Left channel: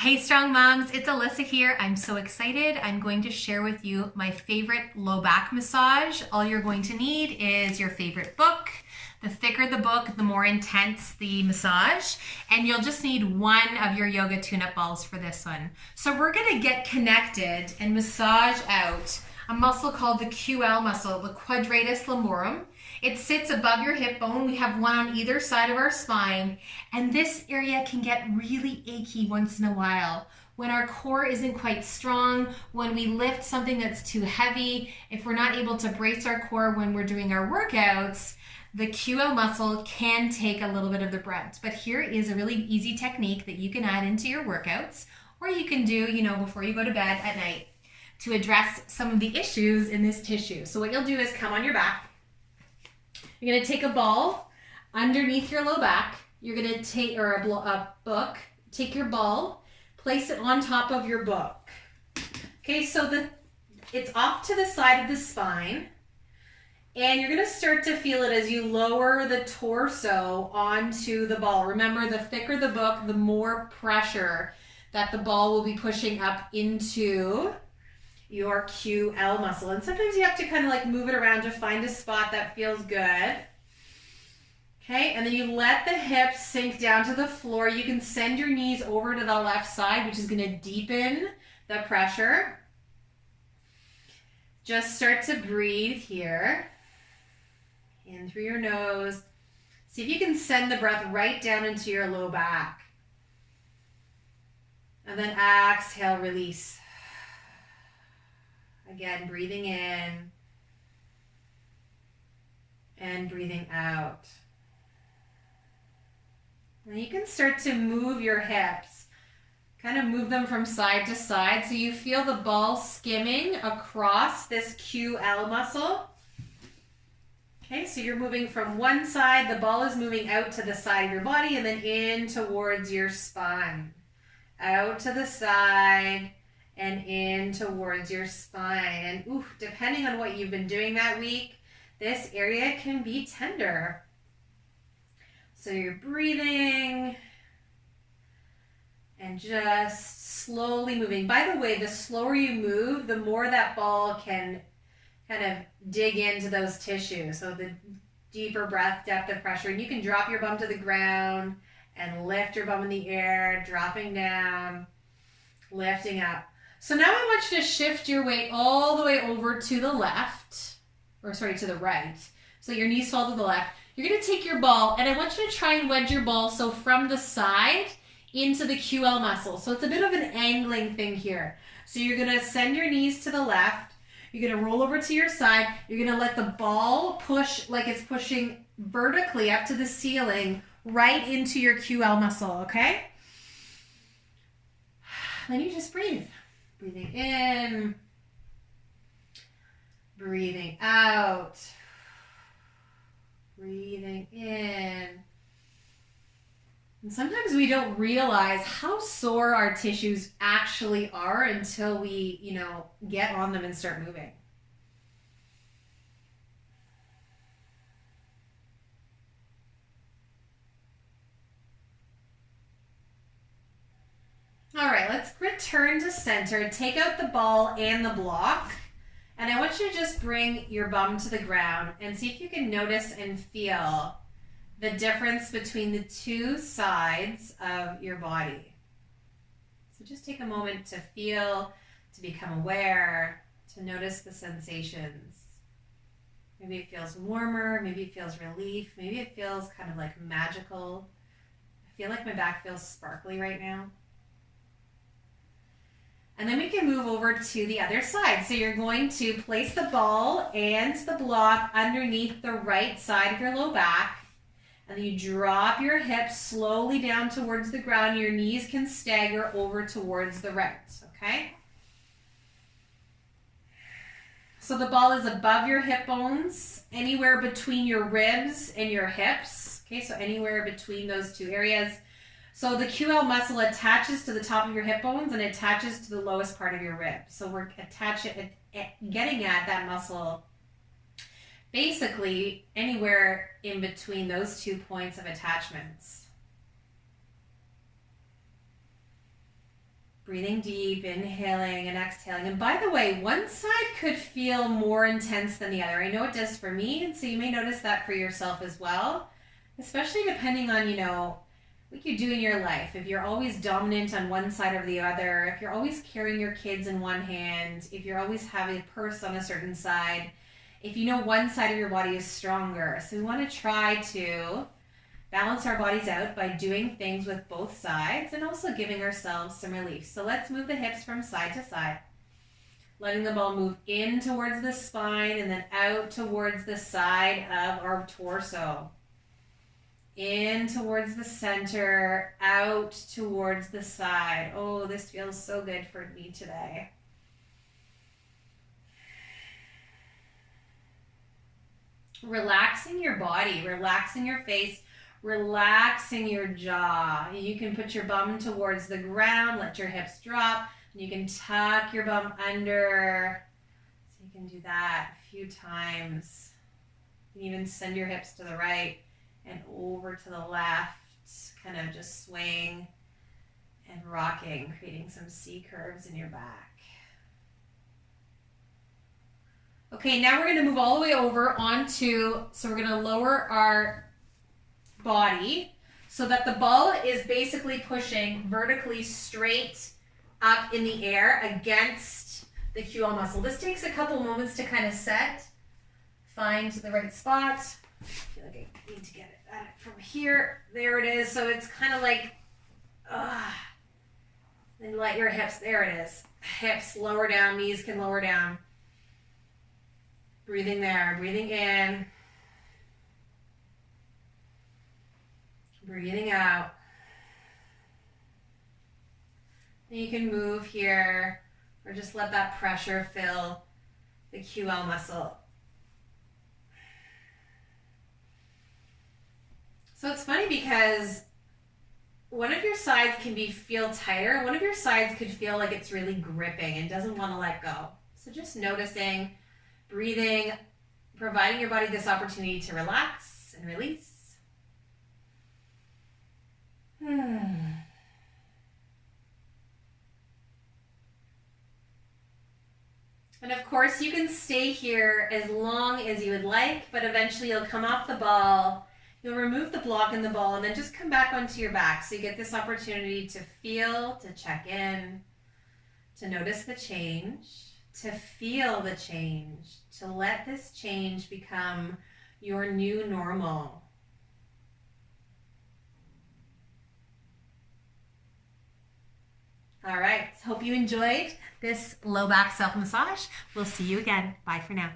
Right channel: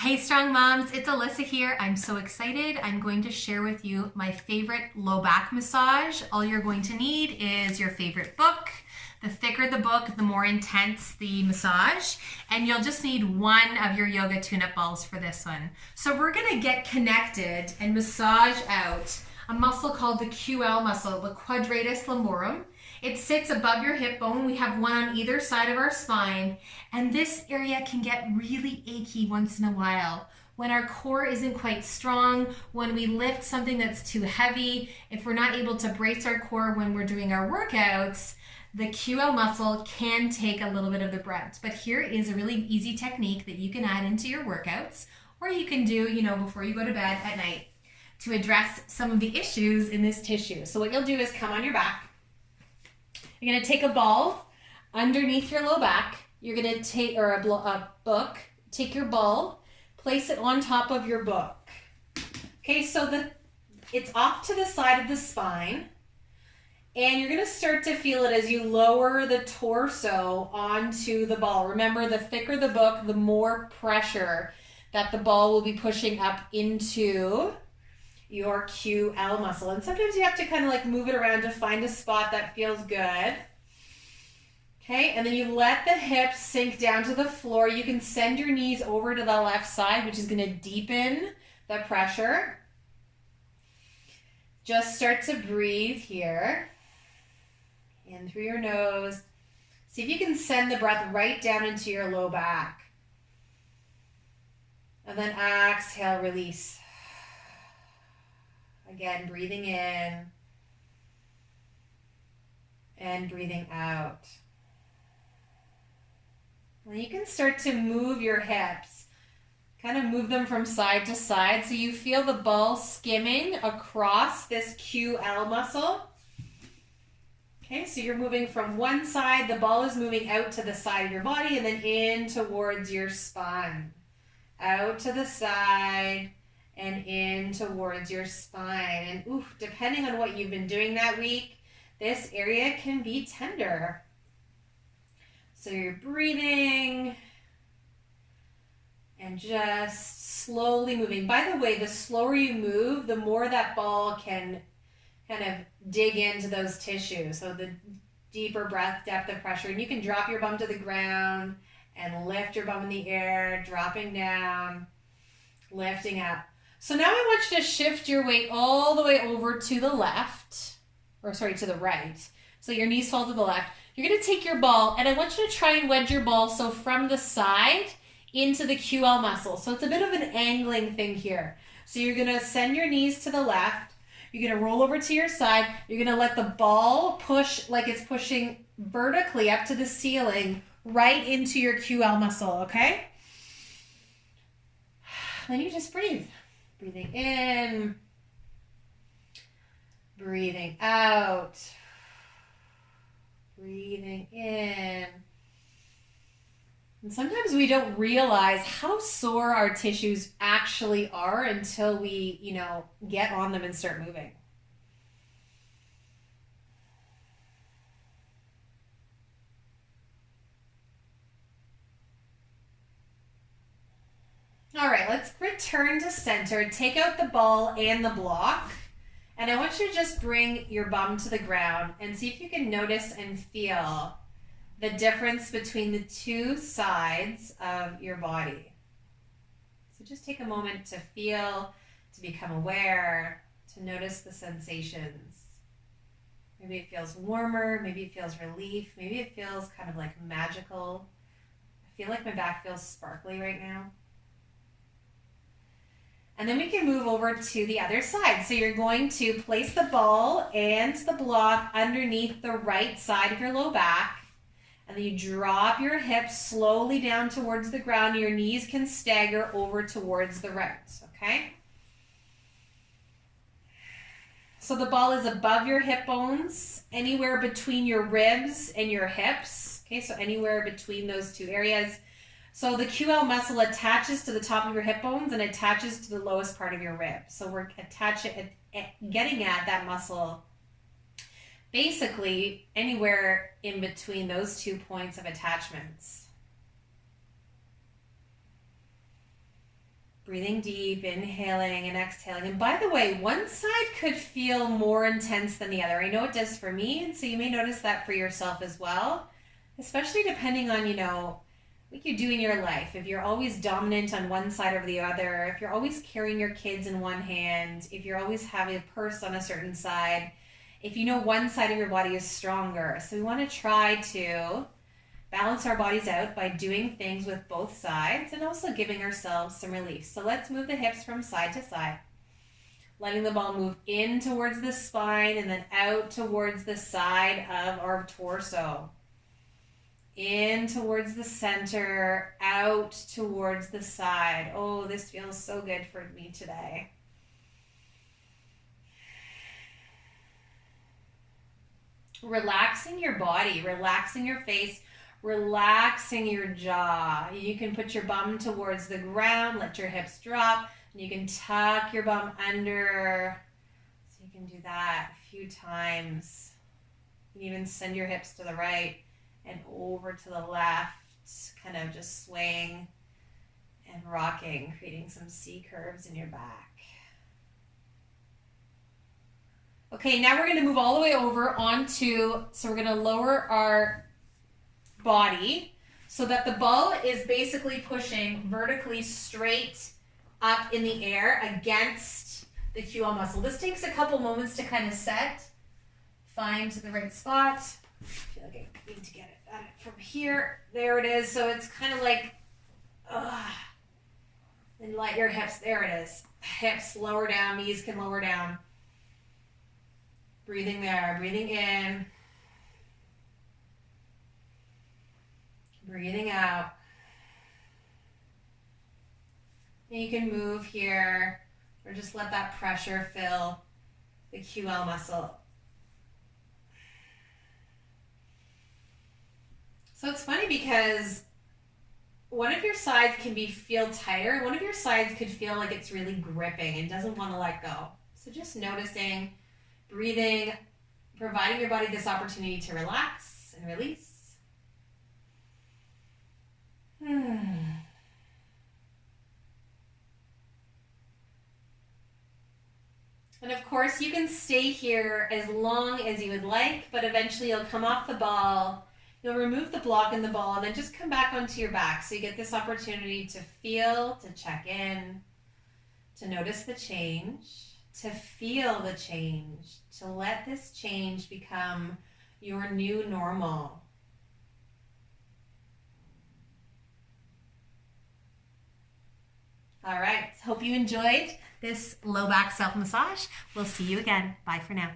Hey Strong Moms, it's Alyssa here. I'm so excited. I'm going to share with you my favorite low back massage. All you're going to need is your favorite book. The thicker the book, the more intense the massage. And you'll just need one of your yoga tune-up balls for this one. So we're gonna get connected and massage out a muscle called the QL muscle, the quadratus lumborum. It sits above your hip bone. We have one on either side of our spine, and this area can get really achy once in a while. When our core isn't quite strong, when we lift something that's too heavy, if we're not able to brace our core when we're doing our workouts, the QL muscle can take a little bit of the brunt. But here is a really easy technique that you can add into your workouts, or you can do, before you go to bed at night to address some of the issues in this tissue. So what you'll do is come on your back. You're going to take a ball underneath your low back. You're going to take, or a book, take your ball, place it on top of your book. Okay, so it's off to the side of the spine, and you're going to start to feel it as you lower the torso onto the ball. Remember, the thicker the book, the more pressure that the ball will be pushing up into your QL muscle. And sometimes you have to kind of like move it around to find a spot that feels good. Okay, and then you let the hips sink down to the floor. You can send your knees over to the left side, which is going to deepen the pressure. Just start to breathe here. In through your nose. See if you can send the breath right down into your low back. And then exhale, release. Again, breathing in and breathing out. And you can start to move your hips, kind of move them from side to side so you feel the ball skimming across this QL muscle. Okay, so you're moving from one side, the ball is moving out to the side of your body and then in towards your spine. Out to the side and in towards your spine. And depending on what you've been doing that week, this area can be tender. So you're breathing and just slowly moving. By the way, the slower you move, the more that ball can kind of dig into those tissues. So the deeper breath, depth of pressure. And you can drop your bum to the ground and lift your bum in the air, dropping down, lifting up. So now I want you to shift your weight all the way over to the left, to the right. So your knees fall to the left. You're going to take your ball, and I want you to try and wedge your ball so from the side into the QL muscle. So it's a bit of an angling thing here. So you're going to send your knees to the left. You're going to roll over to your side. You're going to let the ball push like it's pushing vertically up to the ceiling right into your QL muscle, okay? Then you just breathe. Breathing in, breathing out, breathing in. And sometimes we don't realize how sore our tissues actually are until we, get on them and start moving. All right, let's return to center. Take out the ball and the block. And I want you to just bring your bum to the ground and see if you can notice and feel the difference between the two sides of your body. So just take a moment to feel, to become aware, to notice the sensations. Maybe it feels warmer, maybe it feels relief, maybe it feels kind of like magical. I feel like my back feels sparkly right now. And then we can move over to the other side. So you're going to place the ball and the block underneath the right side of your low back. And then you drop your hips slowly down towards the ground. Your knees can stagger over towards the right, okay? So the ball is above your hip bones, anywhere between your ribs and your hips. Okay, so anywhere between those two areas. So the QL muscle attaches to the top of your hip bones and attaches to the lowest part of your rib. So we're getting at that muscle basically anywhere in between those 2 points of attachments. Breathing deep, inhaling and exhaling. And by the way, one side could feel more intense than the other. I know it does for me, and so you may notice that for yourself as well, especially depending on, what you do in your life. If you're always dominant on one side or the other, if you're always carrying your kids in one hand, if you're always having a purse on a certain side, if you know one side of your body is stronger. So we want to try to balance our bodies out by doing things with both sides and also giving ourselves some relief. So let's move the hips from side to side, letting the ball move in towards the spine and then out towards the side of our torso. In towards the center, out towards the side. Oh, this feels so good for me today. Relaxing your body, relaxing your face, relaxing your jaw. You can put your bum towards the ground, let your hips drop, and you can tuck your bum under. So you can do that a few times. You can even send your hips to the right and over to the left, kind of just swaying and rocking, creating some C curves in your back. Okay, now we're going to move all the way over onto, so we're going to lower our body so that the ball is basically pushing vertically straight up in the air against the QL muscle. This takes a couple moments to kind of set, find the right spot. I feel like I need to get it from here. There it is. So it's kind of like, and let your hips, there it is. Hips lower down, knees can lower down. Breathing there, breathing in. Breathing out. And you can move here or just let that pressure fill the QL muscle. So it's funny because one of your sides can feel tighter. One of your sides could feel like it's really gripping and doesn't want to let go. So just noticing, breathing, providing your body this opportunity to relax and release. And of course, you can stay here as long as you would like, but eventually you'll come off the ball. You'll remove the block in the ball and then just come back onto your back. So you get this opportunity to feel, to check in, to notice the change, to feel the change, to let this change become your new normal. All right, hope you enjoyed this low back self massage. We'll see you again. Bye for now.